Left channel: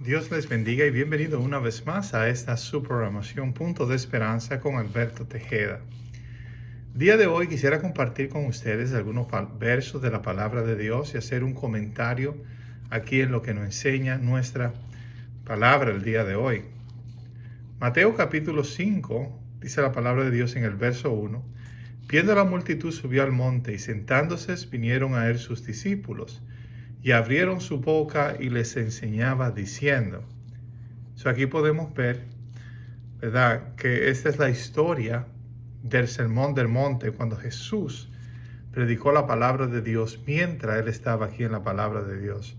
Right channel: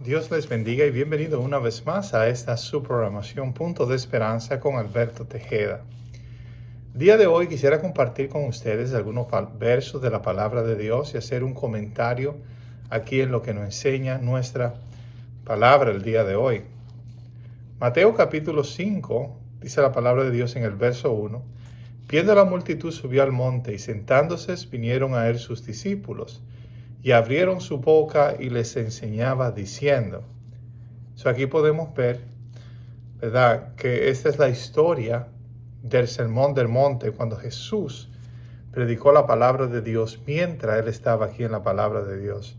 Dios les bendiga y bienvenido una vez más a esta su programación Punto de Esperanza con Alberto Tejeda. Día de hoy quisiera compartir con ustedes algunos versos de la palabra de Dios y hacer un comentario aquí en lo que nos enseña nuestra palabra el día de hoy. Mateo capítulo 5, dice la palabra de Dios en el verso 1, viendo la multitud subió al monte y sentándose vinieron a él sus discípulos y abrieron su boca y les enseñaba diciendo. Aquí podemos ver, ¿verdad?, que esta es la historia del Sermón del Monte, cuando Jesús predicó la palabra de Dios mientras él estaba aquí en la palabra de Dios.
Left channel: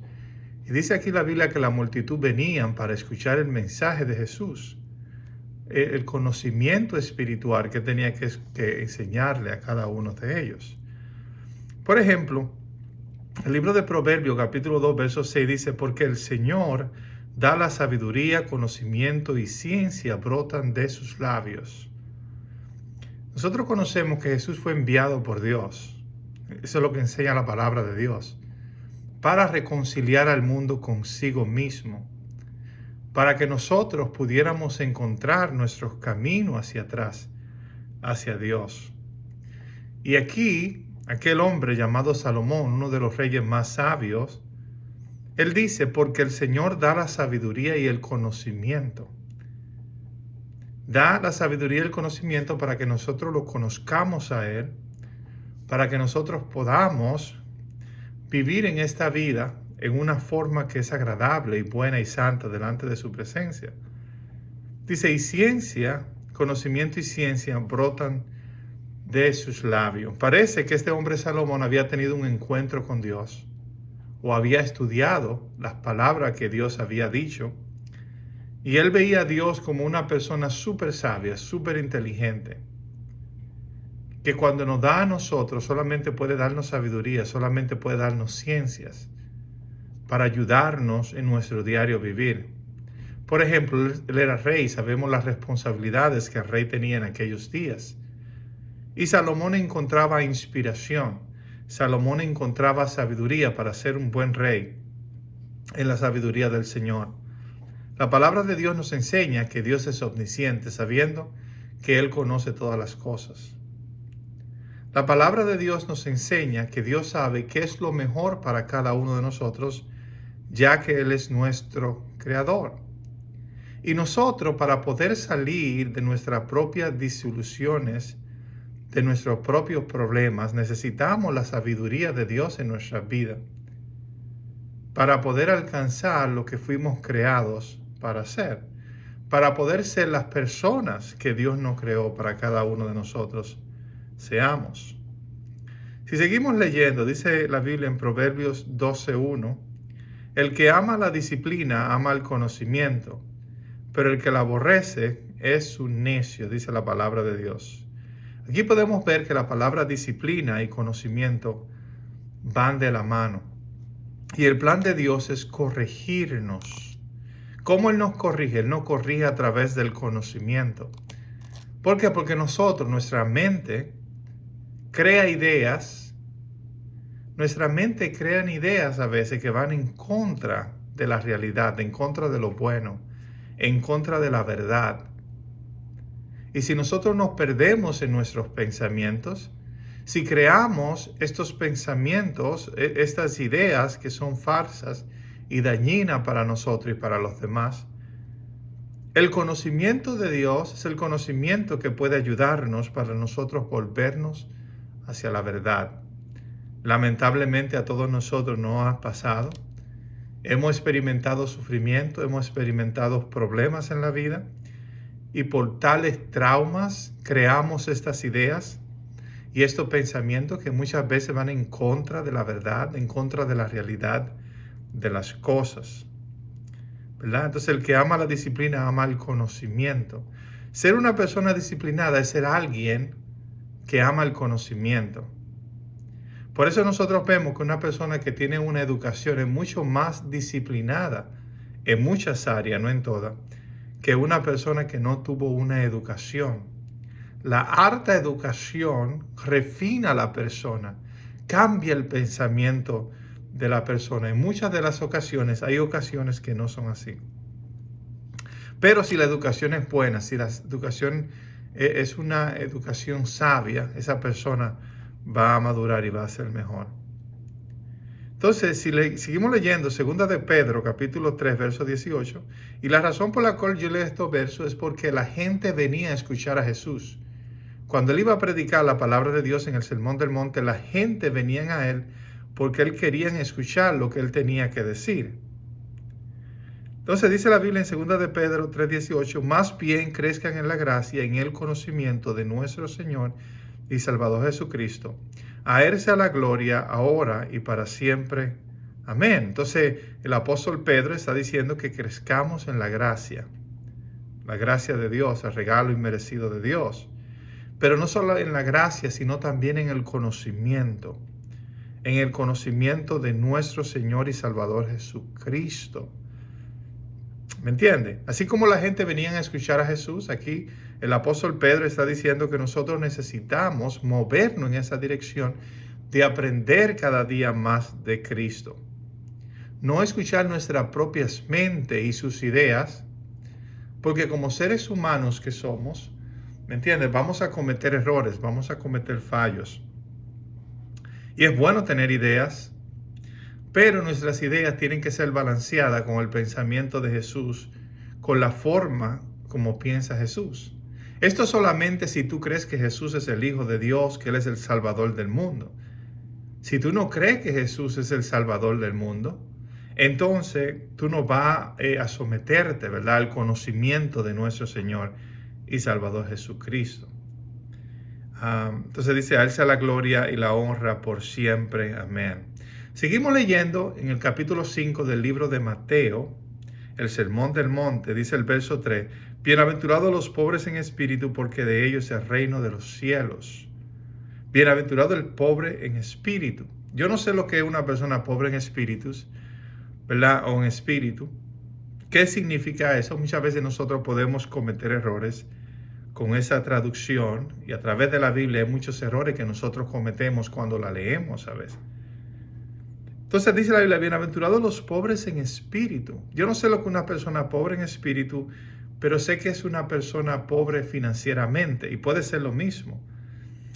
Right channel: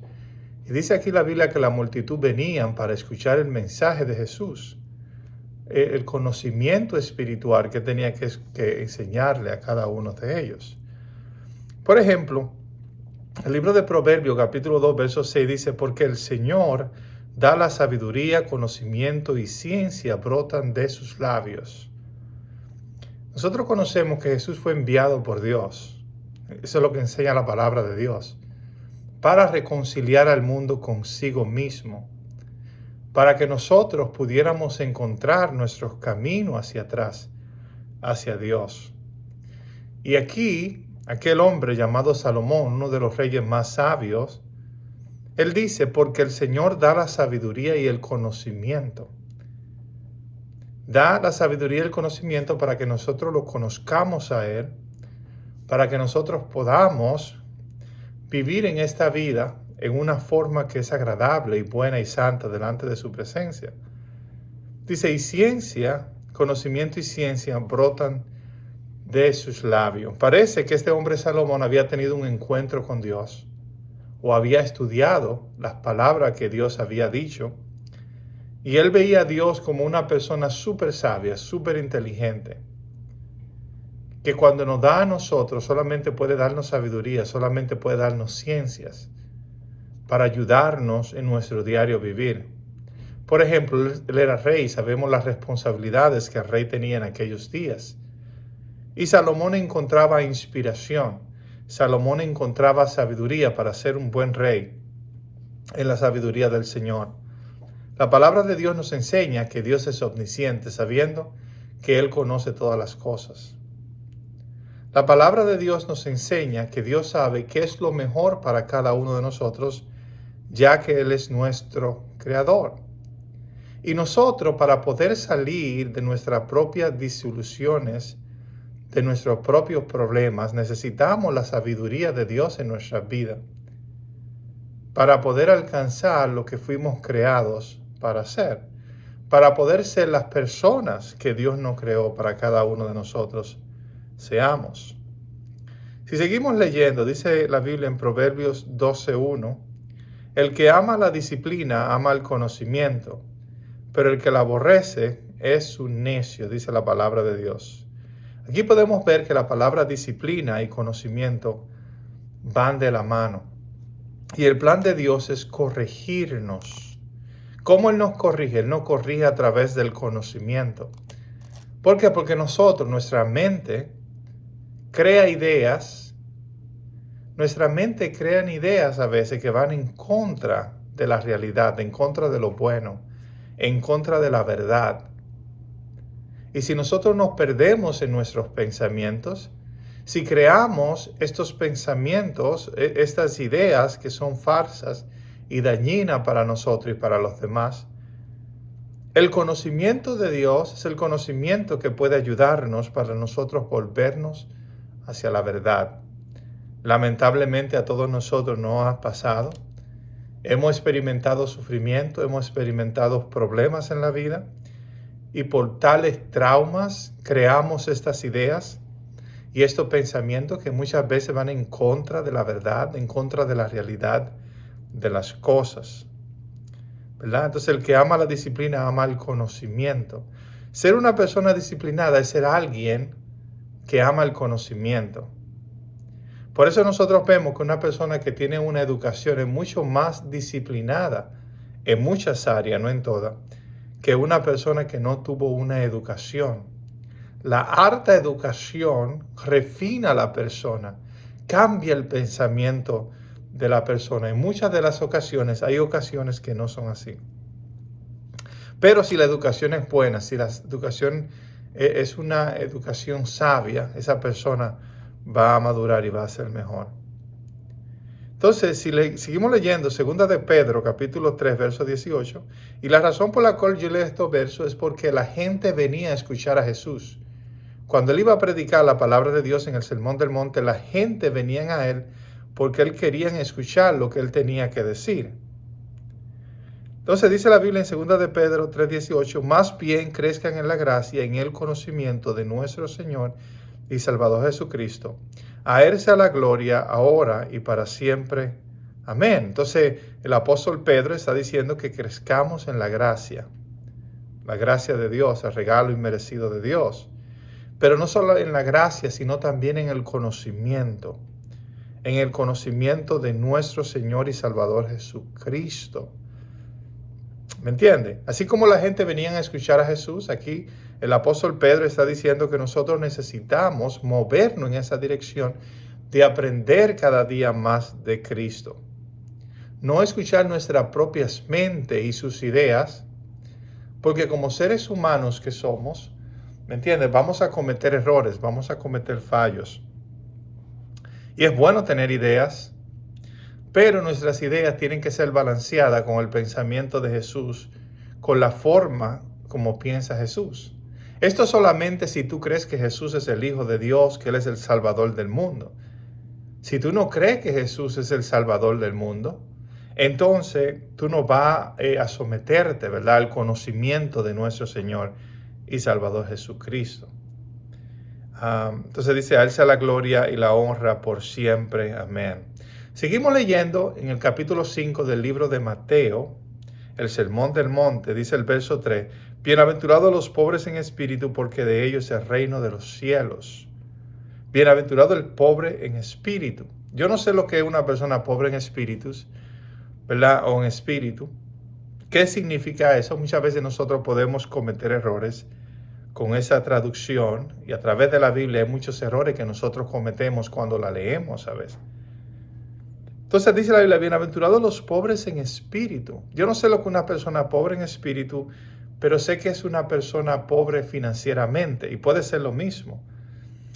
Y dice aquí la Biblia que la multitud venían para escuchar el mensaje de Jesús, el conocimiento espiritual que tenía que enseñarle a cada uno de ellos. Por ejemplo, el libro de Proverbios, capítulo 2, verso 6 dice, porque el Señor da la sabiduría, conocimiento y ciencia brotan de sus labios. Nosotros conocemos que Jesús fue enviado por Dios. Eso es lo que enseña la palabra de Dios. Para reconciliar al mundo consigo mismo. Para que nosotros pudiéramos encontrar nuestros caminos hacia atrás, hacia Dios. Y aquí, aquel hombre llamado Salomón, uno de los reyes más sabios, él dice, porque el Señor da la sabiduría y el conocimiento. Da la sabiduría y el conocimiento para que nosotros lo conozcamos a Él, para que nosotros podamos vivir en esta vida en una forma que es agradable y buena y santa delante de su presencia. Dice, y ciencia, conocimiento y ciencia brotan de sus labios. Parece que este hombre Salomón había tenido un encuentro con Dios, o había estudiado las palabras que Dios había dicho, y él veía a Dios como una persona súper sabia, súper inteligente, que cuando nos da a nosotros solamente puede darnos sabiduría, solamente puede darnos ciencias para ayudarnos en nuestro diario vivir. Por ejemplo, él era rey, sabemos las responsabilidades que el rey tenía en aquellos días. Y Salomón encontraba inspiración, Salomón encontraba sabiduría para ser un buen rey en la sabiduría del Señor. La palabra de Dios nos enseña que Dios es omnisciente, sabiendo que Él conoce todas las cosas. La palabra de Dios nos enseña que Dios sabe qué es lo mejor para cada uno de nosotros, ya que Él es nuestro creador. Y nosotros, para poder salir de nuestras propias disoluciones, de nuestros propios problemas, necesitamos la sabiduría de Dios en nuestra vida para poder alcanzar lo que fuimos creados para ser, para poder ser las personas que Dios nos creó para cada uno de nosotros seamos. Si seguimos leyendo, dice la Biblia en Proverbios 12:1, el que ama la disciplina ama el conocimiento, pero el que la aborrece es un necio, dice la palabra de Dios. Aquí podemos ver que la palabra disciplina y conocimiento van de la mano. Y el plan de Dios es corregirnos. ¿Cómo Él nos corrige? Él nos corrige a través del conocimiento. ¿Por qué? Porque nosotros, nuestra mente, crea ideas. Nuestra mente crea ideas a veces que van en contra de la realidad, en contra de lo bueno, en contra de la verdad. Y si nosotros nos perdemos en nuestros pensamientos, si creamos estos pensamientos, estas ideas que son falsas y dañinas para nosotros y para los demás, el conocimiento de Dios es el conocimiento que puede ayudarnos para nosotros volvernos hacia la verdad. Lamentablemente a todos nosotros nos ha pasado. Hemos experimentado sufrimiento, hemos experimentado problemas en la vida. Y por tales traumas creamos estas ideas y estos pensamientos que muchas veces van en contra de la verdad, en contra de la realidad de las cosas, ¿verdad? Entonces el que ama la disciplina ama el conocimiento. Ser una persona disciplinada es ser alguien que ama el conocimiento. Por eso nosotros vemos que una persona que tiene una educación es mucho más disciplinada en muchas áreas, no en todas, que una persona que no tuvo una educación. La alta educación refina a la persona, cambia el pensamiento de la persona. En muchas de las ocasiones, hay ocasiones que no son así. Pero si la educación es buena, si la educación es una educación sabia, esa persona va a madurar y va a ser mejor. Entonces, si seguimos leyendo 2 de Pedro, capítulo 3, verso 18, y la razón por la cual yo leo estos versos es porque la gente venía a escuchar a Jesús. Cuando él iba a predicar la palabra de Dios en el Sermón del Monte, la gente venía a él porque él querían escuchar lo que él tenía que decir. Entonces dice la Biblia en 2 de Pedro 3:18, más bien crezcan en la gracia y en el conocimiento de nuestro Señor y Salvador Jesucristo. A él sea la gloria ahora y para siempre. Amén. Entonces el apóstol Pedro está diciendo que crezcamos en la gracia de Dios, el regalo inmerecido de Dios. Pero no solo en la gracia, sino también en el conocimiento de nuestro Señor y Salvador Jesucristo. ¿Me entiende? Así como la gente venía a escuchar a Jesús, aquí el apóstol Pedro está diciendo que nosotros necesitamos movernos en esa dirección de aprender cada día más de Cristo. No escuchar nuestras propias mentes y sus ideas, porque como seres humanos que somos, ¿me entiendes? Vamos a cometer errores, vamos a cometer fallos. Y es bueno tener ideas, pero nuestras ideas tienen que ser balanceadas con el pensamiento de Jesús, con la forma como piensa Jesús. Esto solamente si tú crees que Jesús es el Hijo de Dios, que Él es el Salvador del mundo. Si tú no crees que Jesús es el Salvador del mundo, entonces tú no vas a someterte, ¿verdad?, al conocimiento de nuestro Señor y Salvador Jesucristo. Entonces dice, a Él sea la gloria y la honra por siempre. Amén. Seguimos leyendo en el capítulo 5 del libro de Mateo, el Sermón del Monte, dice el verso 3, bienaventurados los pobres en espíritu, porque de ellos es el reino de los cielos. Bienaventurado el pobre en espíritu. Yo no sé lo que es una persona pobre en espíritus, ¿verdad? O en espíritu. ¿Qué significa eso? Muchas veces nosotros podemos cometer errores con esa traducción, y a través de la Biblia hay muchos errores que nosotros cometemos cuando la leemos a veces. Entonces dice la Biblia, bienaventurados los pobres en espíritu. Yo no sé lo que una persona pobre en espíritu, pero sé que es una persona pobre financieramente, y puede ser lo mismo.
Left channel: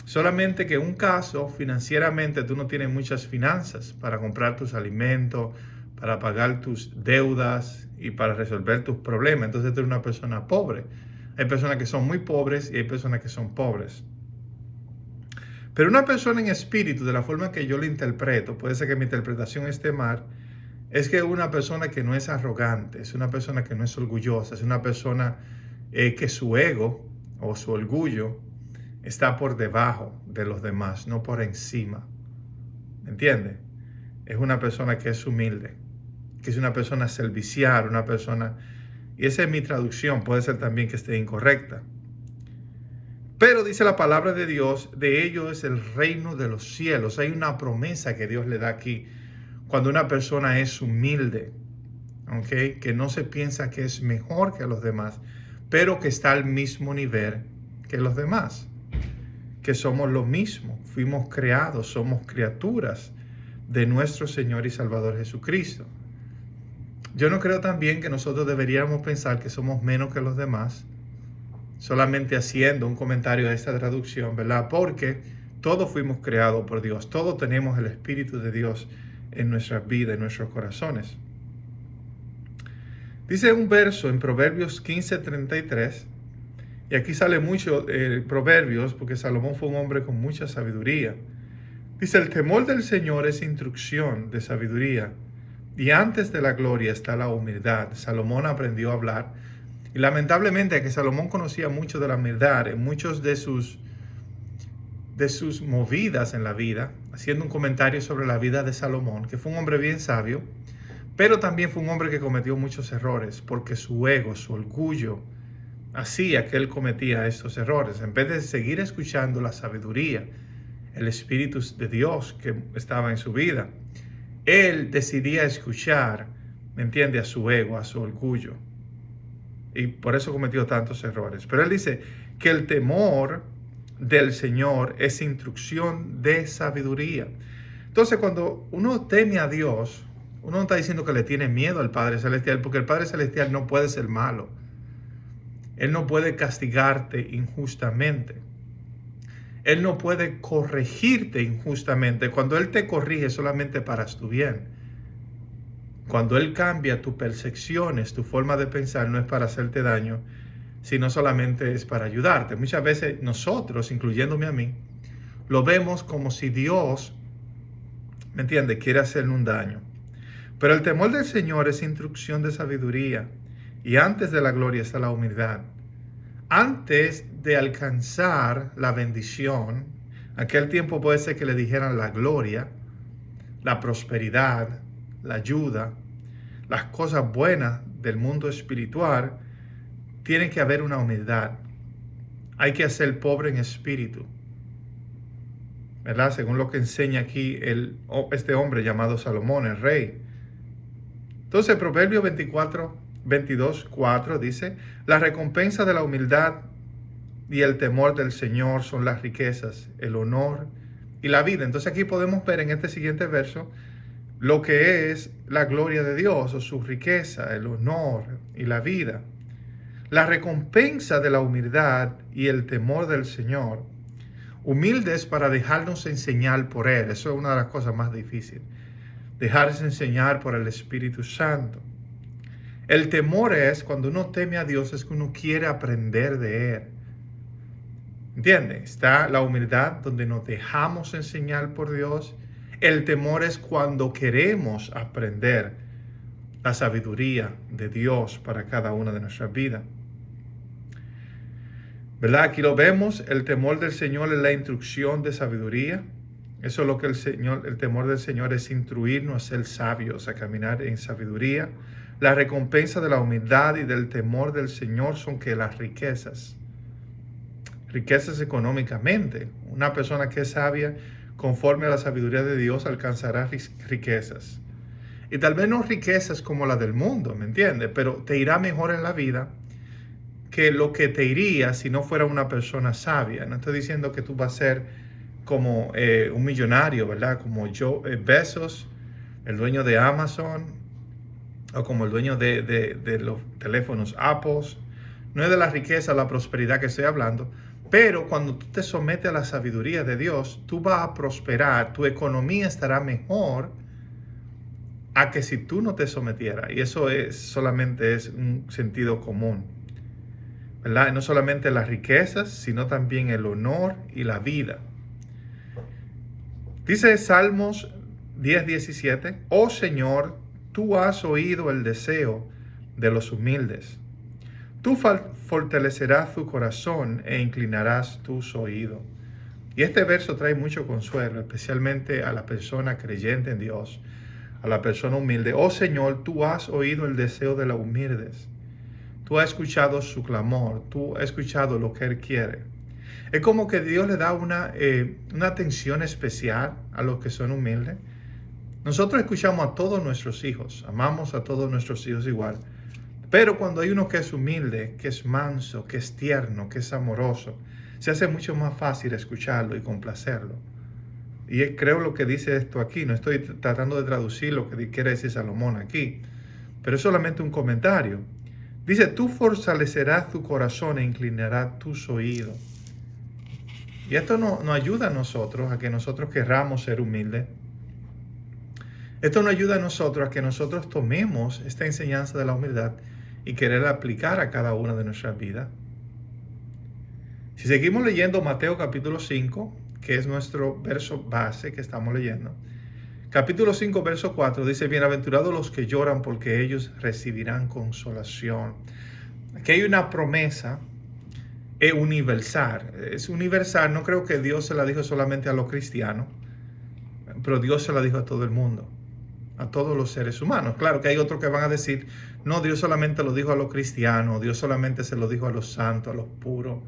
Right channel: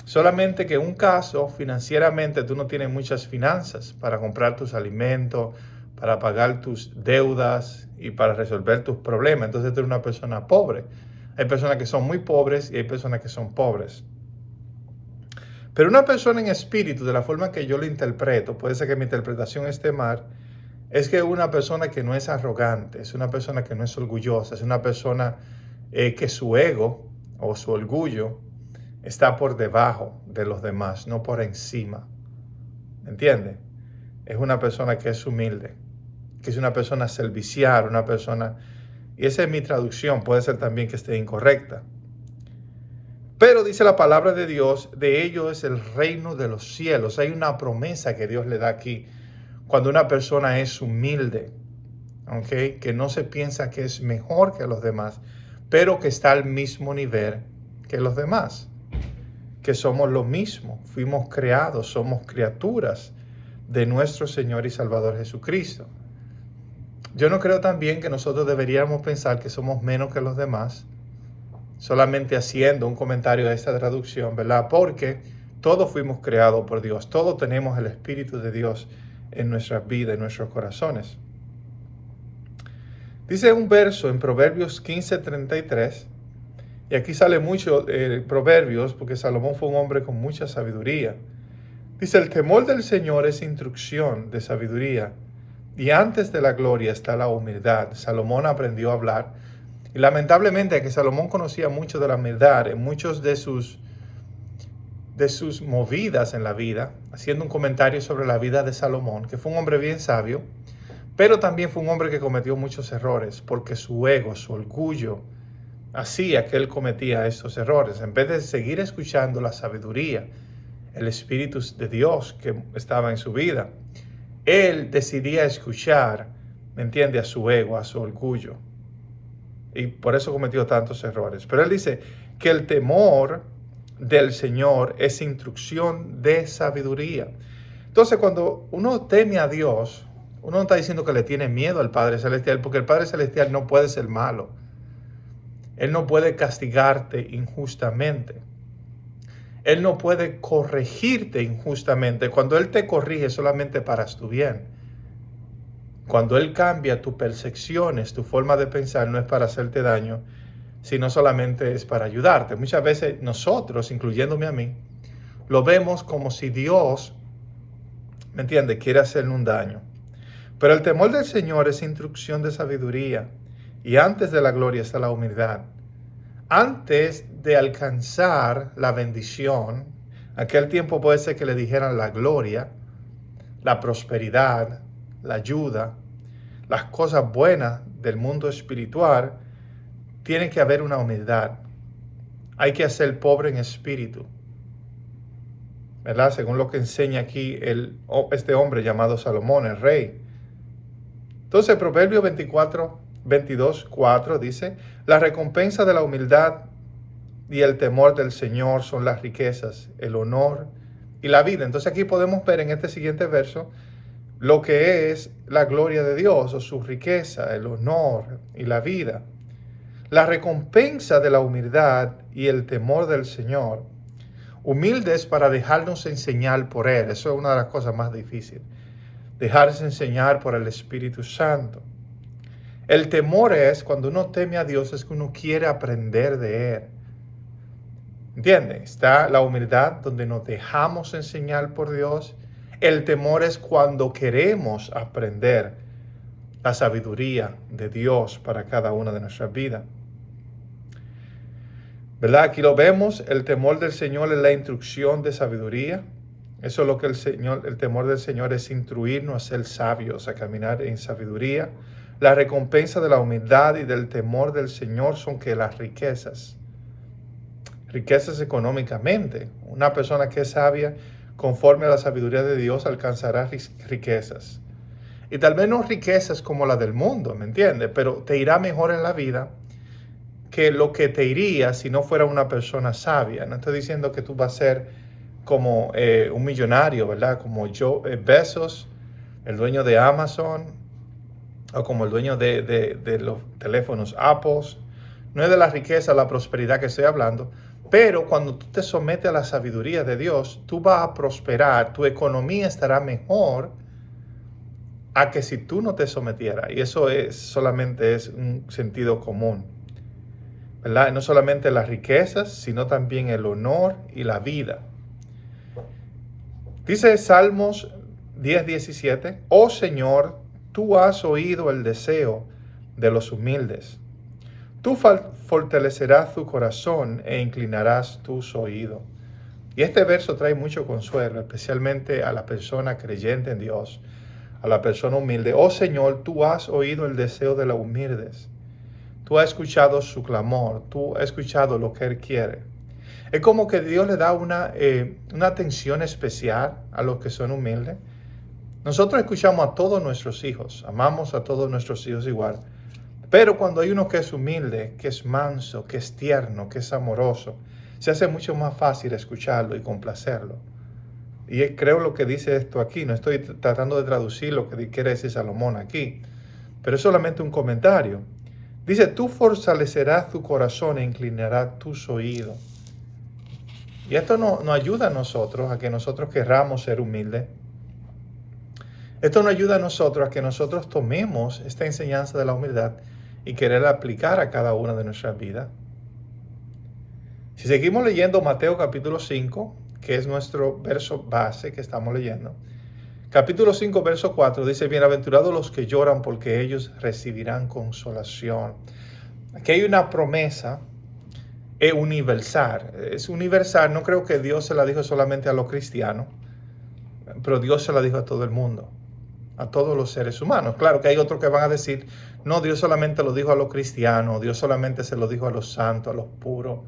Solamente que en un caso, financieramente, tú no tienes muchas finanzas para comprar tus alimentos, para pagar tus deudas y para resolver tus problemas. Entonces tú eres una persona pobre. Hay personas que son muy pobres y hay personas que son pobres. Pero una persona en espíritu, de la forma que yo lo interpreto, puede ser que mi interpretación esté mal, es que una persona que no es arrogante, es una persona que no es orgullosa, es una persona que su ego o su orgullo está por debajo de los demás, no por encima. ¿Me entiende? Es una persona que es humilde, que es una persona servicial, una persona... Y esa es mi traducción, puede ser también que esté incorrecta. Pero dice la palabra de Dios, de ello es el reino de los cielos. Hay una promesa que Dios le da aquí. Cuando una persona es humilde, ¿okay?, que no se piensa que es mejor que los demás, pero que está al mismo nivel que los demás. Que somos lo mismo, fuimos creados, somos criaturas de nuestro Señor y Salvador Jesucristo. Yo no creo también que nosotros deberíamos pensar que somos menos que los demás, solamente haciendo un comentario a esta traducción, ¿verdad? Porque todos fuimos creados por Dios, todos tenemos el Espíritu de Dios en nuestras vidas, en nuestros corazones. Dice un verso en Proverbios 15:33, y aquí sale mucho Proverbios, porque Salomón fue un hombre con mucha sabiduría. Dice, el temor del Señor es instrucción de sabiduría, y antes de la gloria está la humildad. Salomón aprendió a hablar, y lamentablemente que Salomón conocía mucho de la humildad, en muchos de sus movidas en la vida, haciendo un comentario sobre la vida de Salomón, que fue un hombre bien sabio, pero también fue un hombre que cometió muchos errores, porque su ego, su orgullo, hacía que él cometía estos errores. En vez de seguir escuchando la sabiduría, el Espíritu de Dios que estaba en su vida, él decidía escuchar, ¿me entiende?, a su ego, a su orgullo. Y por eso cometió tantos errores. Pero él dice que el temor del Señor es instrucción de sabiduría. Entonces, cuando uno teme a Dios, uno no está diciendo que le tiene miedo al Padre Celestial, porque el Padre Celestial no puede ser malo. Él no puede castigarte injustamente. Él no puede corregirte injustamente. Cuando Él te corrige solamente para tu bien. Cuando Él cambia tus percepciones, tu forma de pensar, no es para hacerte daño, sino solamente es para ayudarte. Muchas veces nosotros, incluyéndome a mí, lo vemos como si Dios, ¿me entiende?, quiere hacerle un daño. Pero el temor del Señor es instrucción de sabiduría, y antes de la gloria está la humildad. Antes de alcanzar la bendición, aquel tiempo puede ser que le dijeran la gloria, la prosperidad, la ayuda, las cosas buenas del mundo espiritual, tiene que haber una humildad. Hay que ser pobre en espíritu, ¿verdad? Según lo que enseña aquí este hombre llamado Salomón, el rey. Entonces, Proverbio 22:4 dice, la recompensa de la humildad y el temor del Señor son las riquezas, el honor y la vida. Entonces aquí podemos ver en este siguiente verso lo que es la gloria de Dios o su riqueza, el honor y la vida. La recompensa de la humildad y el temor del Señor. Humildes para dejarnos enseñar por Él. Eso es una de las cosas más difíciles. Dejarse enseñar por el Espíritu Santo. El temor es, cuando uno teme a Dios, es que uno quiere aprender de Él. ¿Entienden? Está la humildad donde nos dejamos enseñar por Dios. El temor es cuando queremos aprender la sabiduría de Dios para cada una de nuestras vidas. ¿Verdad? Aquí lo vemos, el temor del Señor es la instrucción de sabiduría. Eso es lo que el temor del Señor es instruirnos a ser sabios, a caminar en sabiduría. La recompensa de la humildad y del temor del Señor son que las riquezas económicamente. Una persona que es sabia, conforme a la sabiduría de Dios, alcanzará riquezas. Y tal vez no riquezas como la del mundo, ¿me entiendes? Pero te irá mejor en la vida que lo que te iría si no fuera una persona sabia. No estoy diciendo que tú vas a ser como un millonario, ¿verdad? Como Bezos, el dueño de Amazon, o como el dueño de los teléfonos Apple. No es de la riqueza, la prosperidad que estoy hablando, pero cuando tú te sometes a la sabiduría de Dios, tú vas a prosperar, tu economía estará mejor a que si tú no te sometieras. Y eso solamente es un sentido común, ¿verdad? No solamente las riquezas, sino también el honor y la vida. Dice Salmos 10:17, oh Señor, tú has oído el deseo de los humildes. Tú fortalecerás tu corazón e inclinarás tus oídos. Y este verso trae mucho consuelo, especialmente a la persona creyente en Dios, a la persona humilde. Oh Señor, tú has oído el deseo de los humildes. Tú has escuchado su clamor, tú has escuchado lo que Él quiere. Es como que Dios le da una atención especial a los que son humildes. Nosotros escuchamos a todos nuestros hijos, amamos a todos nuestros hijos igual. Pero cuando hay uno que es humilde, que es manso, que es tierno, que es amoroso, se hace mucho más fácil escucharlo y complacerlo. Y creo lo que dice esto aquí, no estoy tratando de traducir lo que quiere decir Salomón aquí, pero es solamente un comentario. Dice, tú fortalecerás tu corazón e inclinarás tus oídos. Y esto nos ayuda a nosotros, a que nosotros querramos ser humildes. Esto nos ayuda a nosotros a que nosotros tomemos esta enseñanza de la humildad y quererla aplicar a cada una de nuestras vidas. Si seguimos leyendo Mateo capítulo 5, que es nuestro verso base que estamos leyendo, capítulo 5, verso 4, dice, bienaventurados los que lloran porque ellos recibirán consolación. Aquí hay una promesa universal. Es universal, no creo que Dios se la dijo solamente a los cristianos, pero Dios se la dijo a todo el mundo, a todos los seres humanos. Claro que hay otros que van a decir, no, Dios solamente lo dijo a los cristianos, Dios solamente se lo dijo a los santos, a los puros.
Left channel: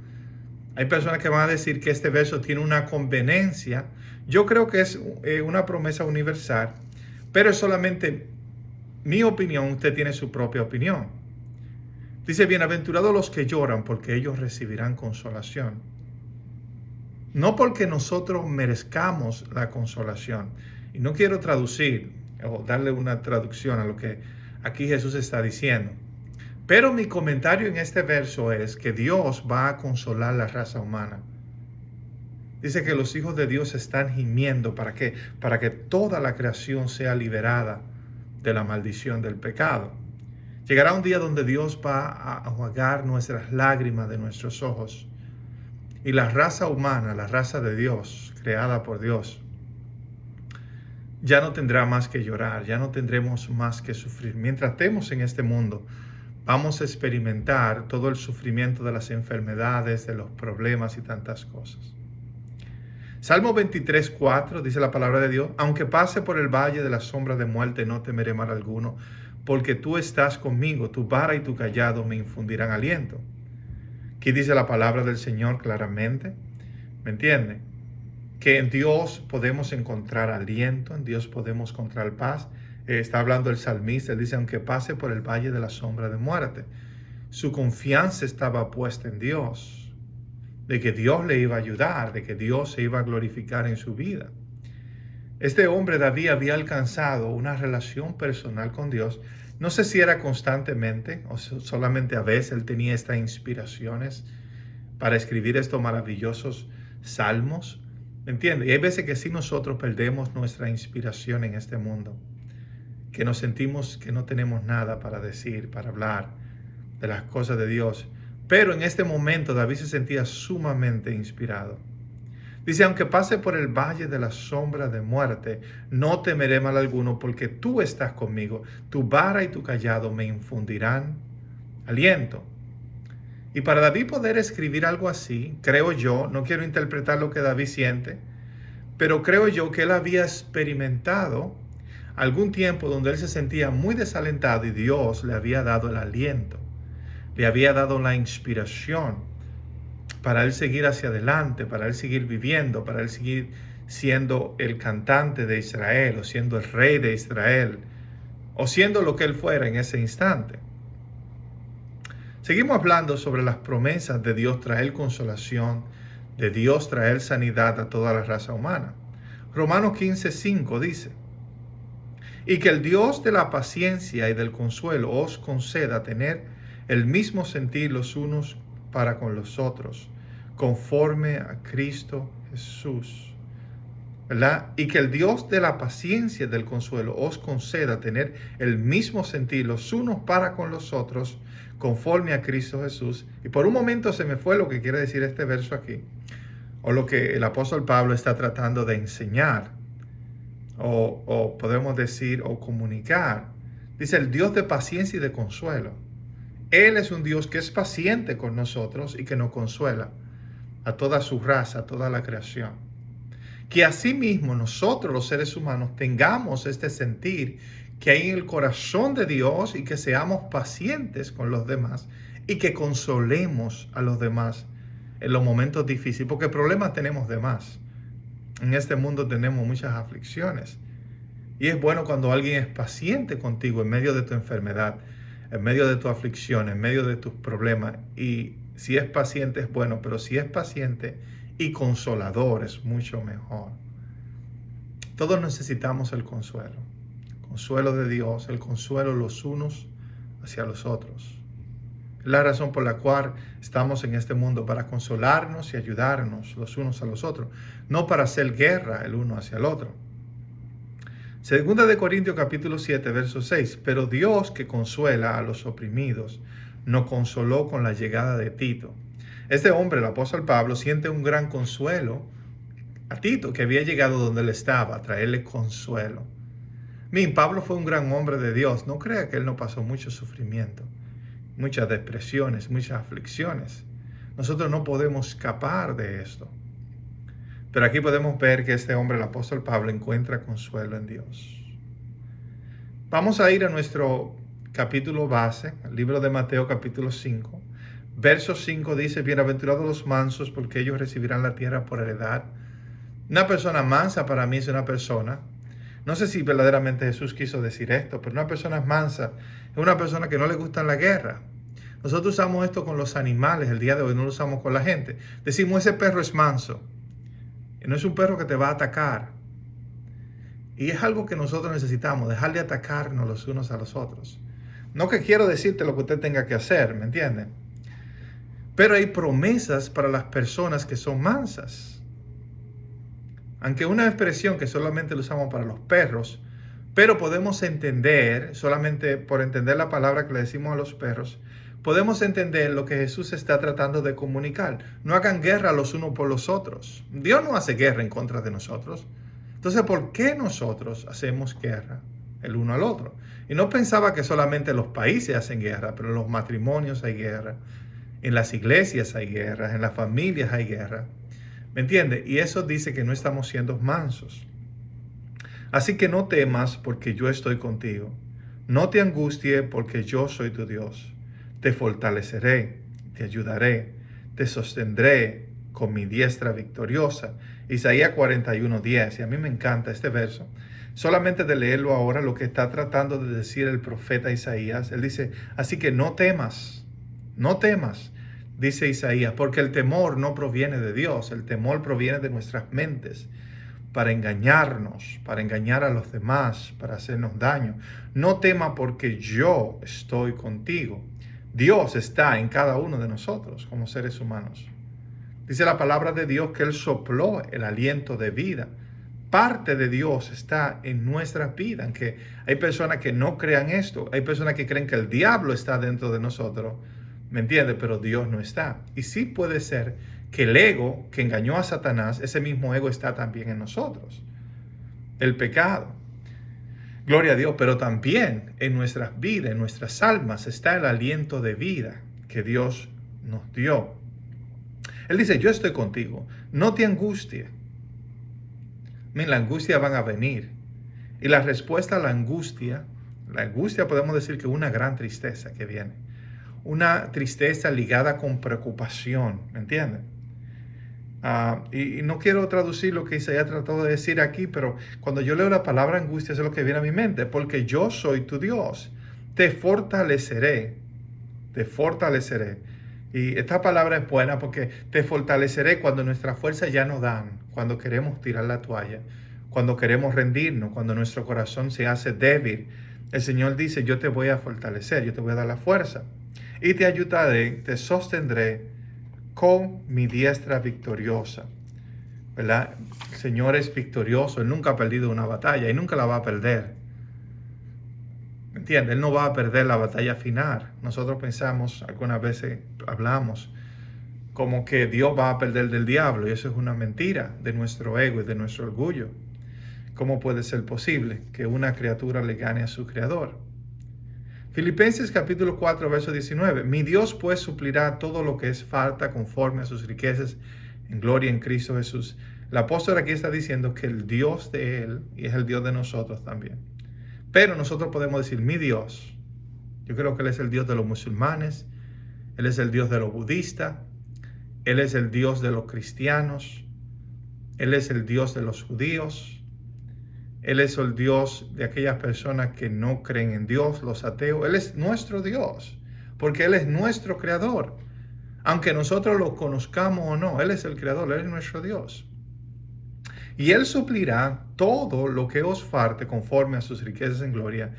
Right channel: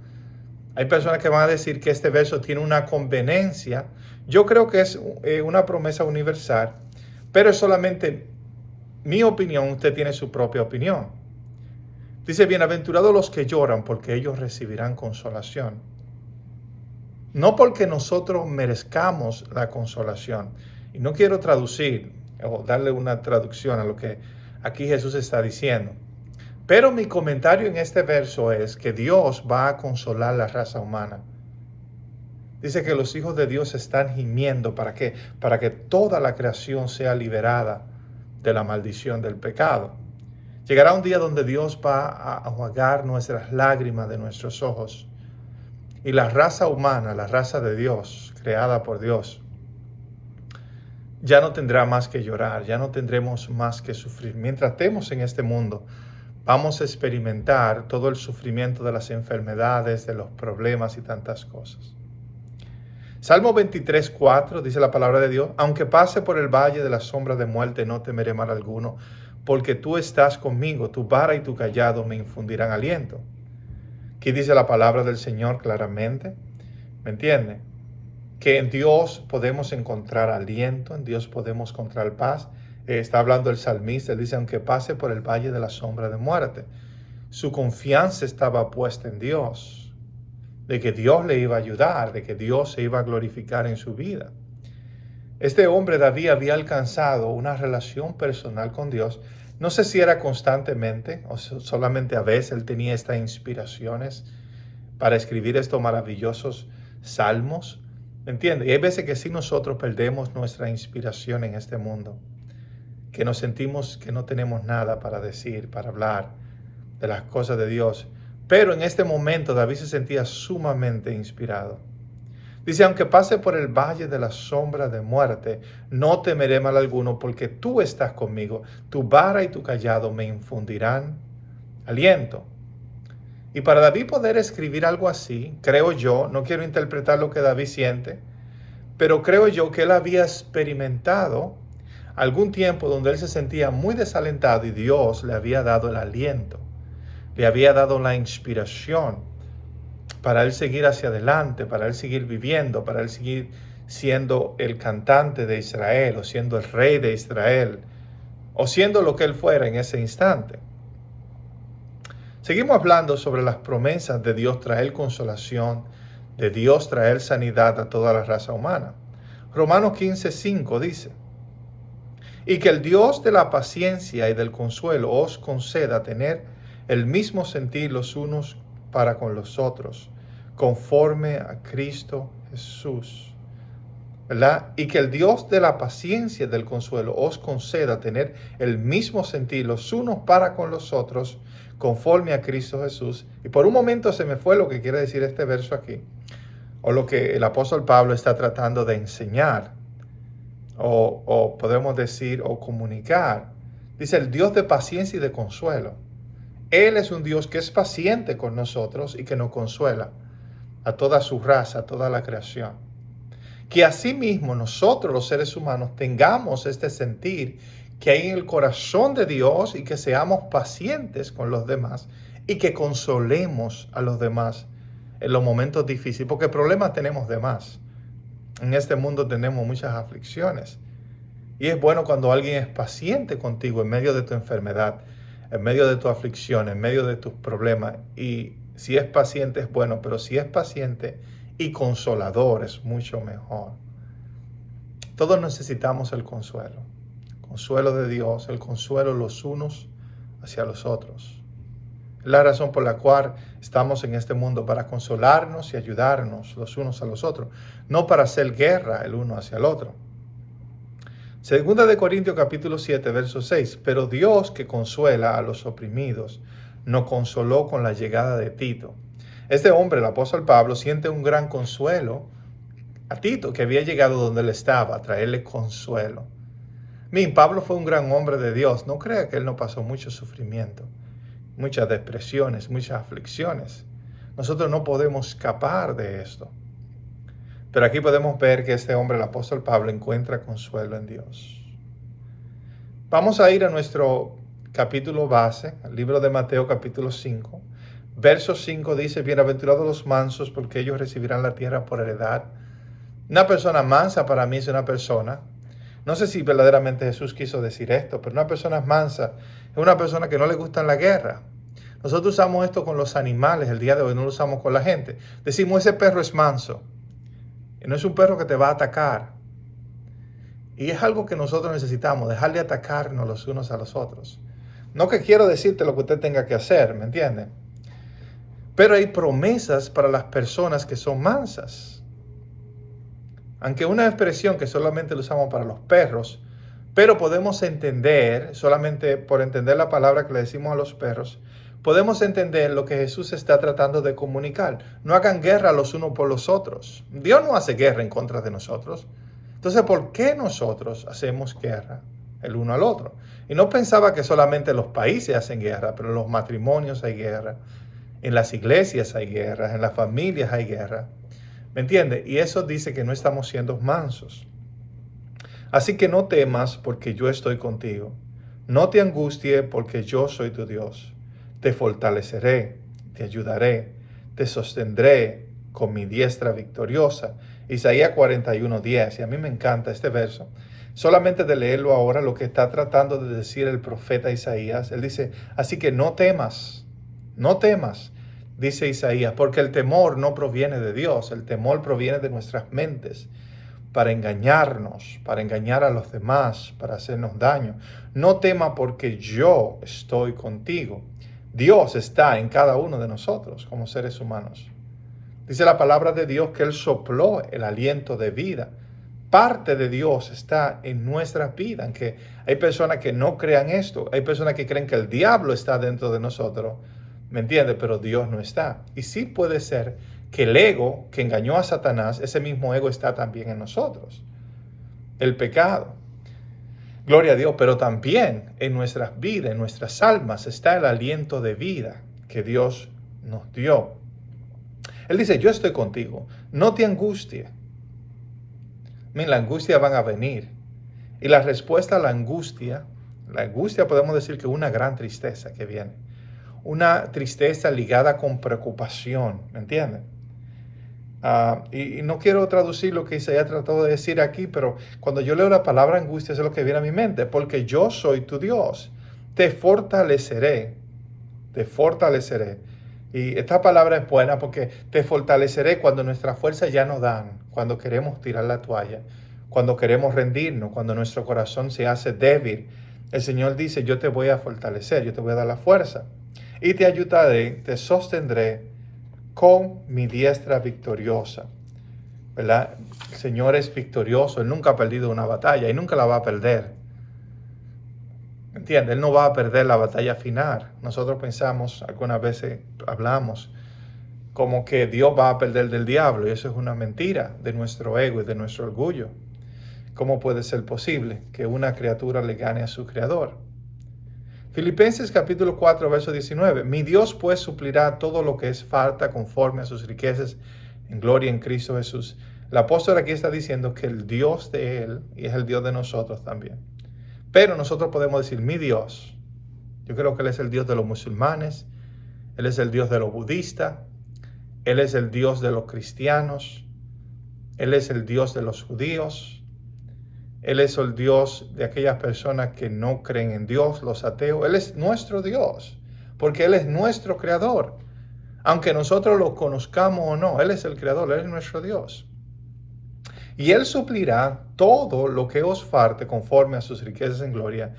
Hay personas que van a decir que este verso tiene una conveniencia. Yo creo que es una promesa universal, pero es solamente mi opinión, usted tiene su propia opinión. Dice, bienaventurados los que lloran porque ellos recibirán consolación. No porque nosotros merezcamos la consolación. Y no quiero traducir o darle una traducción a lo que aquí Jesús está diciendo. Pero mi comentario en este verso es que Dios va a consolar la raza humana. Dice que los hijos de Dios están gimiendo. ¿Para qué? Para que toda la creación sea liberada de la maldición del pecado. Llegará un día donde Dios va a enjuagar nuestras lágrimas de nuestros ojos. Y la raza humana, la raza de Dios, creada por Dios, ya no tendrá más que llorar, ya no tendremos más que sufrir. Mientras estemos en este mundo, vamos a experimentar todo el sufrimiento de las enfermedades, de los problemas y tantas cosas. Salmo 23:4 dice la palabra de Dios: aunque pase por el valle de la sombra de muerte, no temeré mal alguno, porque tú estás conmigo, tu vara y tu cayado me infundirán aliento. Aquí dice la palabra del Señor claramente, ¿me entiende? Que en Dios podemos encontrar aliento, en Dios podemos encontrar paz. Está hablando el salmista, él dice: aunque pase por el valle de la sombra de muerte. Su confianza estaba puesta en Dios, de que Dios le iba a ayudar, de que Dios se iba a glorificar en su vida. Este hombre David había alcanzado una relación personal con Dios. No sé si era constantemente o solamente a veces él tenía estas inspiraciones para escribir estos maravillosos salmos. ¿Me entiende? Y hay veces que sí nosotros perdemos nuestra inspiración en este mundo, que nos sentimos que no tenemos nada para decir, para hablar de las cosas de Dios. Pero en este momento David se sentía sumamente inspirado. Dice: aunque pase por el valle de la sombra de muerte, no temeré mal alguno, porque tú estás conmigo. Tu vara y tu cayado me infundirán aliento. Y para David poder escribir algo así, creo yo, no quiero interpretar lo que David siente, pero creo yo que él había experimentado algún tiempo donde él se sentía muy desalentado y Dios le había dado el aliento, le había dado la inspiración para él seguir hacia adelante, para él seguir viviendo, para él seguir siendo el cantante de Israel, o siendo el rey de Israel, o siendo lo que él fuera en ese instante. Seguimos hablando sobre las promesas de Dios traer consolación, de Dios traer sanidad a toda la raza humana. Romanos 15:5 dice: y que el Dios de la paciencia y del consuelo os conceda tener el mismo sentir los unos para con los otros, conforme a Cristo Jesús. ¿Verdad? Y que el Dios de la paciencia y del consuelo os conceda tener el mismo sentir los unos para con los otros, conforme a Cristo Jesús. Y por un momento se me fue lo que quiere decir este verso aquí, o lo que el apóstol Pablo está tratando de enseñar, o podemos decir, o comunicar. Dice: el Dios de paciencia y de consuelo. Él es un Dios que es paciente con nosotros y que nos consuela a toda su raza, a toda la creación. Que asimismo nosotros los seres humanos tengamos este sentir que hay en el corazón de Dios y que seamos pacientes con los demás y que consolemos a los demás en los momentos difíciles, porque problemas tenemos de más. En este mundo tenemos muchas aflicciones y es bueno cuando alguien es paciente contigo en medio de tu enfermedad, en medio de tu aflicción, en medio de tus problemas. Y si es paciente es bueno, pero si es paciente y consolador es mucho mejor. Todos necesitamos el consuelo de Dios, el consuelo los unos hacia los otros. Es la razón por la cual estamos en este mundo, para consolarnos y ayudarnos los unos a los otros, no para hacer guerra el uno hacia el otro. Segunda de Corintios capítulo 7, verso 6. Pero Dios, que consuela a los oprimidos, nos consoló con la llegada de Tito. Este hombre, el apóstol Pablo, siente un gran consuelo a Tito, que había llegado donde él estaba, a traerle consuelo. Pablo fue un gran hombre de Dios. No crea que él no pasó mucho sufrimiento, muchas depresiones, muchas aflicciones. Nosotros no podemos escapar de esto. Pero aquí podemos ver que este hombre, el apóstol Pablo, encuentra consuelo en Dios. Vamos a ir a nuestro capítulo base, el libro de Mateo capítulo 5. Verso 5 dice: bienaventurados los mansos, porque ellos recibirán la tierra por heredad. Una persona mansa para mí es una persona, no sé si verdaderamente Jesús quiso decir esto, pero una persona mansa es una persona que no le gusta la guerra. Nosotros usamos esto con los animales el día de hoy, no lo usamos con la gente. Decimos: ese perro es manso. Y no es un perro que te va a atacar. Y es algo que nosotros necesitamos, dejar de atacarnos los unos a los otros. No que quiero decirte lo que usted tenga que hacer, ¿me entiende? Pero hay promesas para las personas que son mansas. Aunque una expresión que solamente la usamos para los perros, pero podemos entender, solamente por entender la palabra que le decimos a los perros, podemos entender lo que Jesús está tratando de comunicar. No hagan guerra los unos por los otros. Dios no hace guerra en contra de nosotros. Entonces, ¿por qué nosotros hacemos guerra el uno al otro? Y no pensaba que solamente los países hacen guerra, pero en los matrimonios hay guerra, en las iglesias hay guerra, en las familias hay guerra. ¿Me entiende? Y eso dice que no estamos siendo mansos. Así que no temas porque yo estoy contigo. No te angusties porque yo soy tu Dios. Te fortaleceré, te ayudaré, te sostendré con mi diestra victoriosa. Isaías 41:10. Y a mí me encanta este verso. Solamente de leerlo ahora, lo que está tratando de decir el profeta Isaías, él dice, así que no temas, dice Isaías, porque el temor no proviene de Dios, el temor proviene de nuestras mentes, para engañarnos, para engañar a los demás, para hacernos daño. No tema porque yo estoy contigo. Dios está en cada uno de nosotros como seres humanos. Dice la palabra de Dios que Él sopló el aliento de vida. Parte de Dios está en nuestra vida, aunque hay personas que no crean esto, hay personas que creen que el diablo está dentro de nosotros, ¿me entiendes? Pero Dios no está. Y sí puede ser que el ego que engañó a Satanás, ese mismo ego está también en nosotros. El pecado. Gloria a Dios, pero también en nuestras vidas, en nuestras almas, está el aliento de vida que Dios nos dio. Él dice, yo estoy contigo, no te angusties. La angustia van a venir. Y la respuesta a la angustia podemos decir que es una gran tristeza que viene. Una tristeza ligada con preocupación, ¿me entienden? Y no quiero traducir lo que Isaías trató de decir aquí, pero cuando yo leo la palabra angustia es lo que viene a mi mente, porque yo soy tu Dios, te fortaleceré. Y esta palabra es buena porque te fortaleceré cuando nuestras fuerzas ya no dan, cuando queremos tirar la toalla, cuando queremos rendirnos, cuando nuestro corazón se hace débil. El Señor dice, yo te voy a fortalecer, yo te voy a dar la fuerza y te ayudaré, te sostendré con mi diestra victoriosa. ¿Verdad? El Señor es victorioso, Él nunca ha perdido una batalla y nunca la va a perder. ¿Entiendes? Él no va a perder la batalla final. Nosotros pensamos, algunas veces hablamos, como que Dios va a perder del diablo, y eso es una mentira de nuestro ego y de nuestro orgullo. ¿Cómo puede ser posible que una criatura le gane a su creador? Filipenses capítulo 4, verso 19. Mi Dios pues suplirá todo lo que es falta conforme a sus riquezas en gloria en Cristo Jesús. El apóstol aquí está diciendo que el Dios de él y es el Dios de nosotros también. Pero nosotros podemos decir, mi Dios. Yo creo que Él es el Dios de los musulmanes, Él es el Dios de los budistas, Él es el Dios de los cristianos, Él es el Dios de los judíos, Él es el Dios de aquellas personas que no creen en Dios, los ateos. Él es nuestro Dios, porque Él es nuestro creador. Aunque nosotros lo conozcamos o no, Él es el creador, Él es nuestro Dios. Y Él suplirá todo lo que os falte conforme a sus riquezas en gloria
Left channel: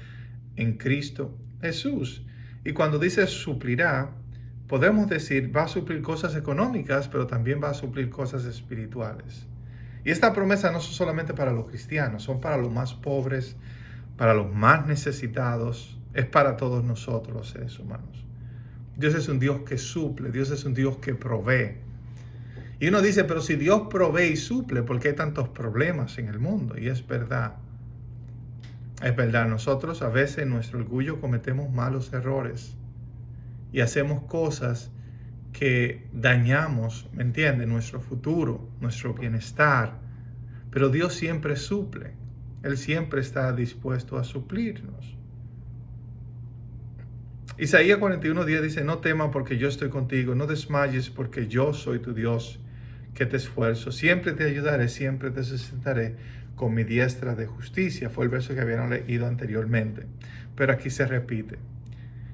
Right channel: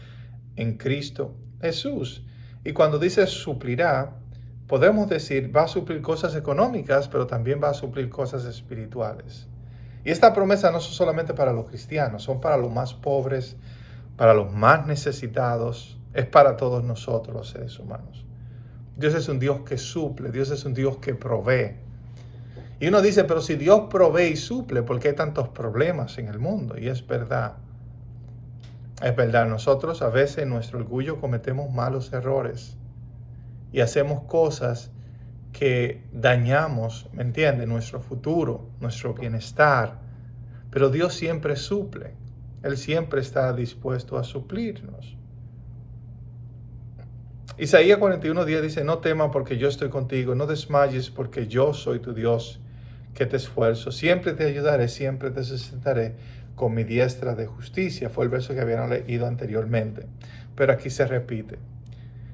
en Cristo Jesús. Y cuando dice suplirá, podemos decir, va a suplir cosas económicas, pero también va a suplir cosas espirituales. Y esta promesa no es solamente para los cristianos, son para los más pobres, para los más necesitados, es para todos nosotros los seres humanos. Dios es un Dios que suple, Dios es un Dios que provee. Y uno dice, pero si Dios provee y suple, ¿por qué hay tantos problemas en el mundo? Y es verdad. Es verdad, nosotros a veces en nuestro orgullo cometemos malos errores y hacemos cosas que dañamos, ¿me entiendes? Nuestro futuro, nuestro bienestar. Pero Dios siempre suple. Él siempre está dispuesto a suplirnos. Isaías 41:10 dice, no temas porque yo estoy contigo, no desmayes porque yo soy tu Dios, que te esfuerzo. Siempre te ayudaré, siempre te sustentaré con mi diestra de justicia. Fue el verso que habían leído anteriormente, pero aquí se repite.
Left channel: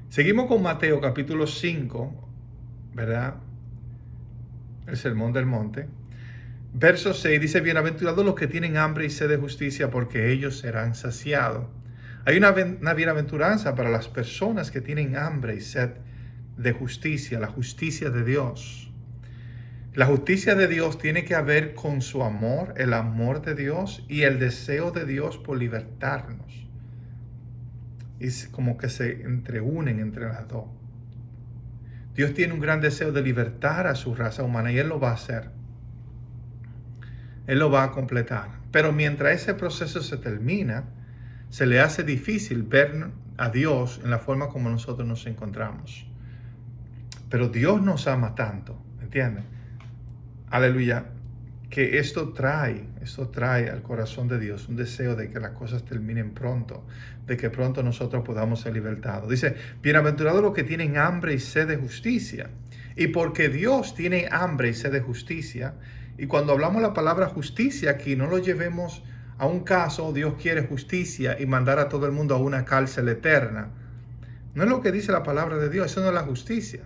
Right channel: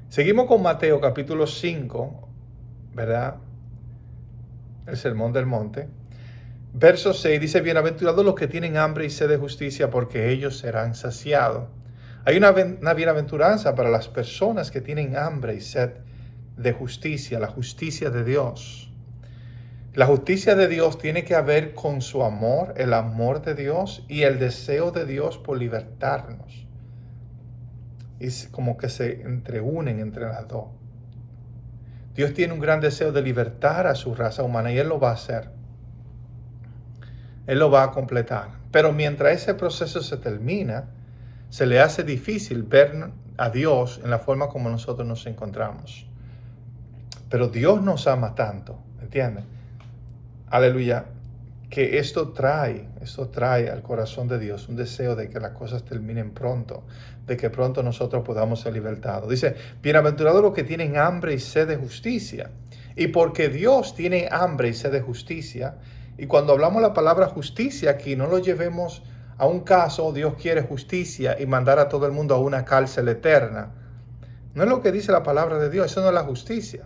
Seguimos con Mateo capítulo 5, ¿verdad? El Sermón del Monte. Verso 6 dice, bienaventurados los que tienen hambre y sed de justicia, porque ellos serán saciados. Hay una bienaventuranza para las personas que tienen hambre y sed de justicia, la justicia de Dios. La justicia de Dios tiene que ver con su amor, el amor de Dios y el deseo de Dios por libertarnos. Es como que se entreunen entre las dos. Dios tiene un gran deseo de libertar a su raza humana y Él lo va a hacer. Él lo va a completar. Pero mientras ese proceso se termina, se le hace difícil ver a Dios en la forma como nosotros nos encontramos. Pero Dios nos ama tanto, ¿entiendes? Aleluya, que esto trae al corazón de Dios un deseo de que las cosas terminen pronto, de que pronto nosotros podamos ser libertados. Dice, bienaventurados los que tienen hambre y sed de justicia. Y porque Dios tiene hambre y sed de justicia, y cuando hablamos la palabra justicia aquí, no lo llevemos a un caso, Dios quiere justicia y mandar a todo el mundo a una cárcel eterna. No es lo que dice la palabra de Dios, eso no es la justicia.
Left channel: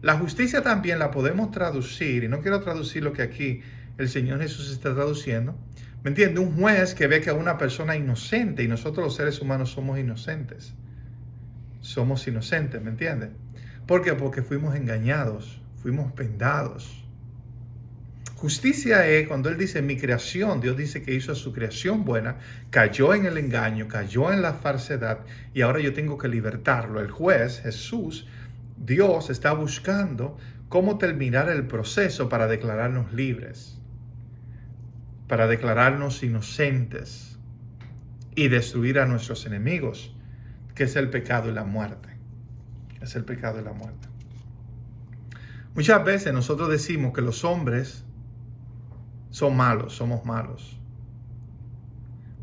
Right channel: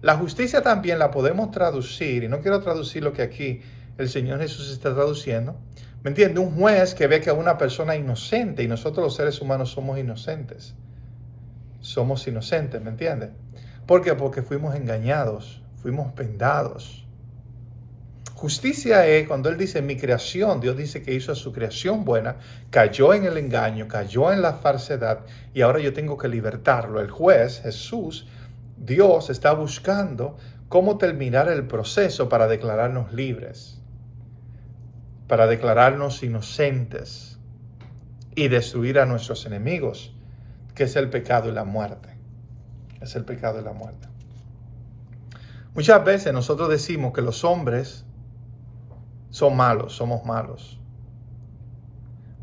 La justicia también la podemos traducir, y no quiero traducir lo que aquí el Señor Jesús está traduciendo. ¿Me entiende? Un juez que ve que a una persona inocente, y nosotros los seres humanos somos inocentes. Somos inocentes, ¿me entiende? ¿Por qué? Porque fuimos engañados, fuimos vendados. Justicia es cuando Él dice mi creación, Dios dice que hizo su creación buena, cayó en el engaño, cayó en la falsedad y ahora yo tengo que libertarlo. El juez, Jesús, Dios está buscando cómo terminar el proceso para declararnos libres, para declararnos inocentes y destruir a nuestros enemigos, que es el pecado y la muerte. Es el pecado y la muerte. Muchas veces nosotros decimos que los hombres son malos, somos malos.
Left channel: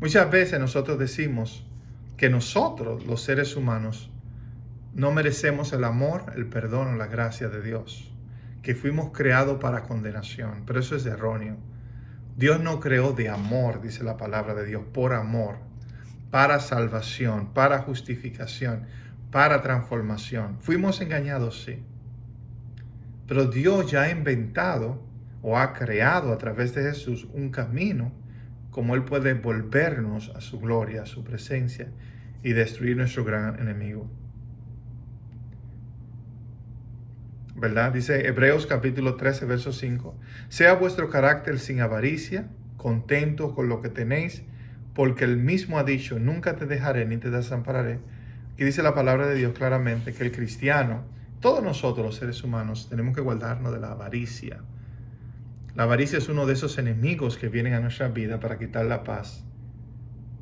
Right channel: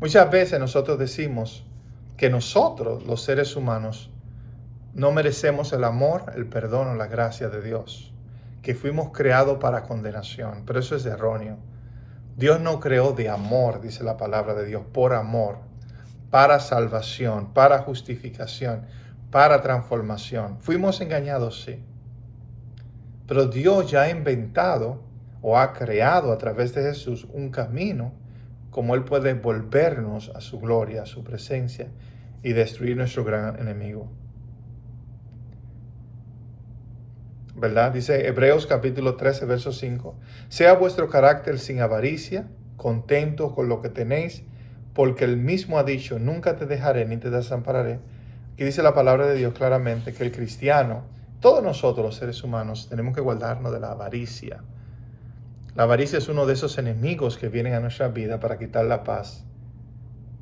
Muchas veces nosotros decimos que nosotros, los seres humanos, no merecemos el amor, el perdón o la gracia de Dios, que fuimos creados para condenación, pero eso es erróneo. Dios no creó de amor, dice la palabra de Dios, por amor, para salvación, para justificación, para transformación. Fuimos engañados, sí, pero Dios ya ha inventado o ha creado a través de Jesús un camino como Él puede volvernos a su gloria, a su presencia y destruir nuestro gran enemigo. ¿Verdad? Dice Hebreos capítulo 13, verso 5. Sea vuestro carácter sin avaricia, contento con lo que tenéis, porque Él mismo ha dicho, nunca te dejaré ni te desampararé. Y dice la palabra de Dios claramente que el cristiano, todos nosotros los seres humanos, tenemos que guardarnos de la avaricia. La avaricia es uno de esos enemigos que vienen a nuestra vida para quitar la paz,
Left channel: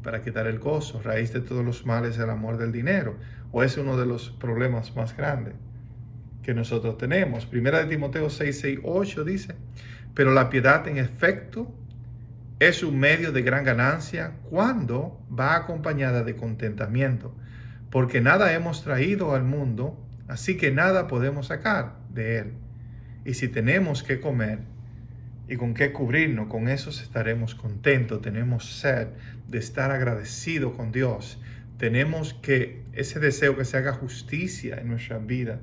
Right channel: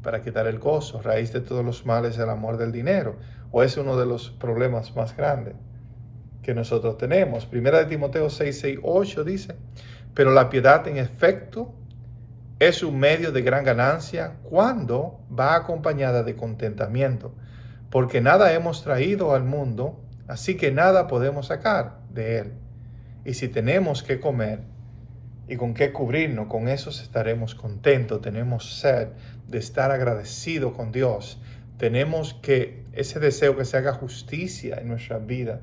para quitar el gozo, raíz de todos los males, el amor del dinero, o es uno de los problemas más grandes que nosotros tenemos. Primera de Timoteo 6, 6, 8 dice, pero la piedad en efecto es un medio de gran ganancia cuando va acompañada de contentamiento, porque nada hemos traído al mundo, así que nada podemos sacar de él. Y si tenemos que comer y con qué cubrirnos, con eso estaremos contentos. Tenemos sed de estar agradecidos con Dios. Tenemos que ese deseo que se haga justicia en nuestra vida.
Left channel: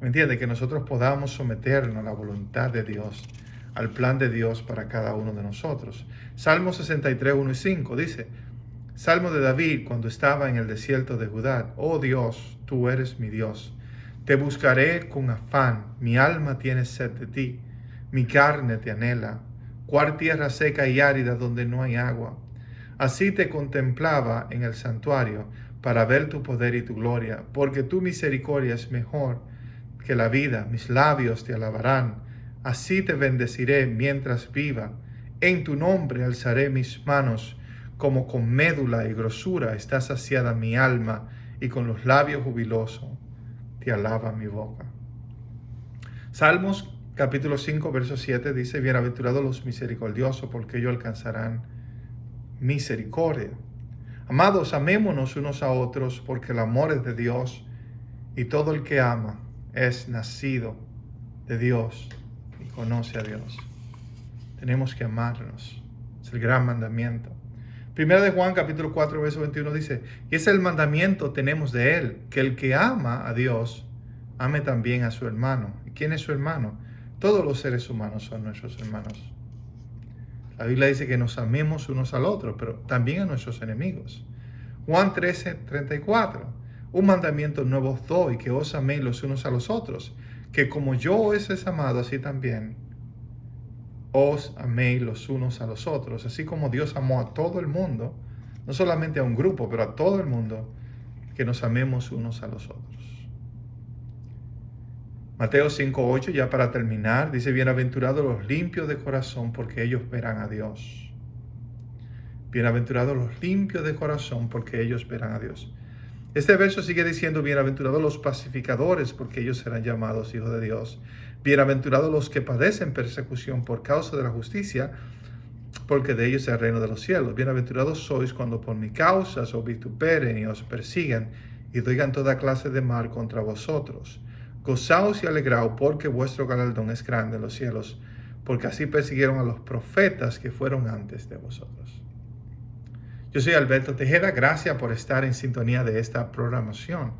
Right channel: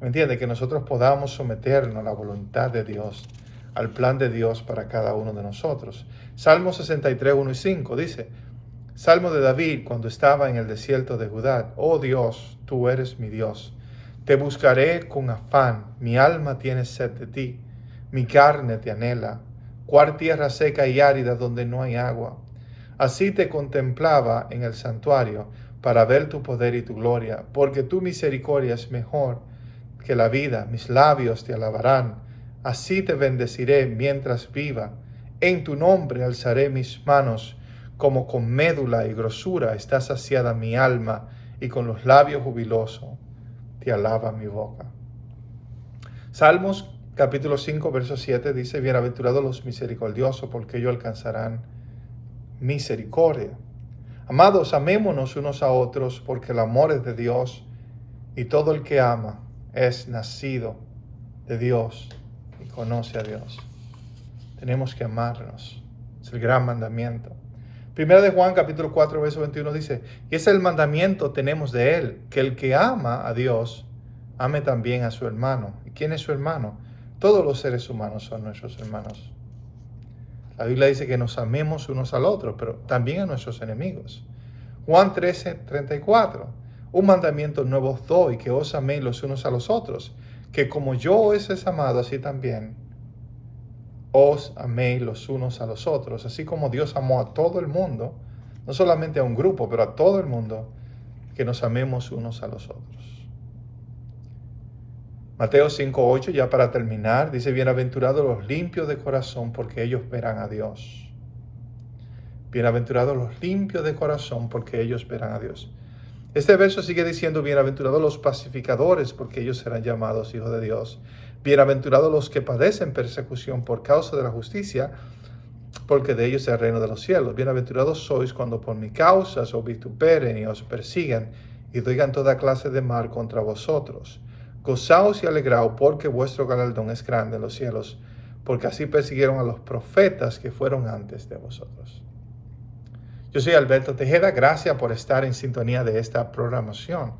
¿Me entiende? Que nosotros podamos someternos a la voluntad de Dios, al plan de Dios para cada uno de nosotros. Salmo 63, 1 y 5 dice, Salmo de David cuando estaba en el desierto de Judá, oh Dios, tú eres mi Dios. Te buscaré con afán, mi alma tiene sed de ti, mi carne te anhela, cual tierra seca y árida donde no hay agua. Así te contemplaba en el santuario para ver tu poder y tu gloria, porque tu misericordia es mejor que la vida, mis labios te alabarán. Así te bendeciré mientras viva, en tu nombre alzaré mis manos, como con médula y grosura está saciada mi alma, y con los labios jubilosos te alaba mi boca. Salmos capítulo 5, verso 7 dice, bienaventurados los misericordiosos, porque ellos alcanzarán misericordia. Amados, amémonos unos a otros, porque el amor es de Dios, y todo el que ama es nacido de Dios y conoce a Dios. Tenemos que amarnos. Es el gran mandamiento. Primera de Juan capítulo 4 verso 21 dice, y ese es el mandamiento tenemos de Él, que el que ama a Dios, ame también a su hermano. ¿Y quién es su hermano? Todos los seres humanos son nuestros hermanos. La Biblia dice que nos amemos unos al otro, pero también a nuestros enemigos. Juan 13:34. Un mandamiento nuevo os doy, que os améis los unos a los otros, que como yo os he amado, así también os améis los unos a los otros. Así como Dios amó a todo el mundo, no solamente a un grupo, pero a todo el mundo, que nos amemos unos a los otros. Mateo 5:8, ya para terminar, dice: bienaventurados los limpios de corazón, porque ellos verán a Dios. Bienaventurados los limpios de corazón, porque ellos verán a Dios. Este verso sigue diciendo: bienaventurados los pacificadores, porque ellos serán llamados hijos de Dios. Bienaventurados los que padecen persecución por causa de la justicia, porque de ellos es el reino de los cielos. Bienaventurados sois cuando por mi causa os vituperen y os persigan y digan toda clase de mal contra vosotros. Gozaos y alegraos, porque vuestro galardón es grande en los cielos, porque así persiguieron a los profetas que fueron antes de vosotros. Yo soy Alberto Tejeda, gracias por estar en sintonía de esta programación.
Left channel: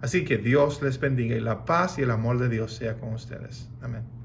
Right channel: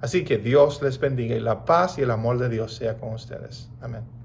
Así que Dios les bendiga y la paz y el amor de Dios sea con ustedes. Amén.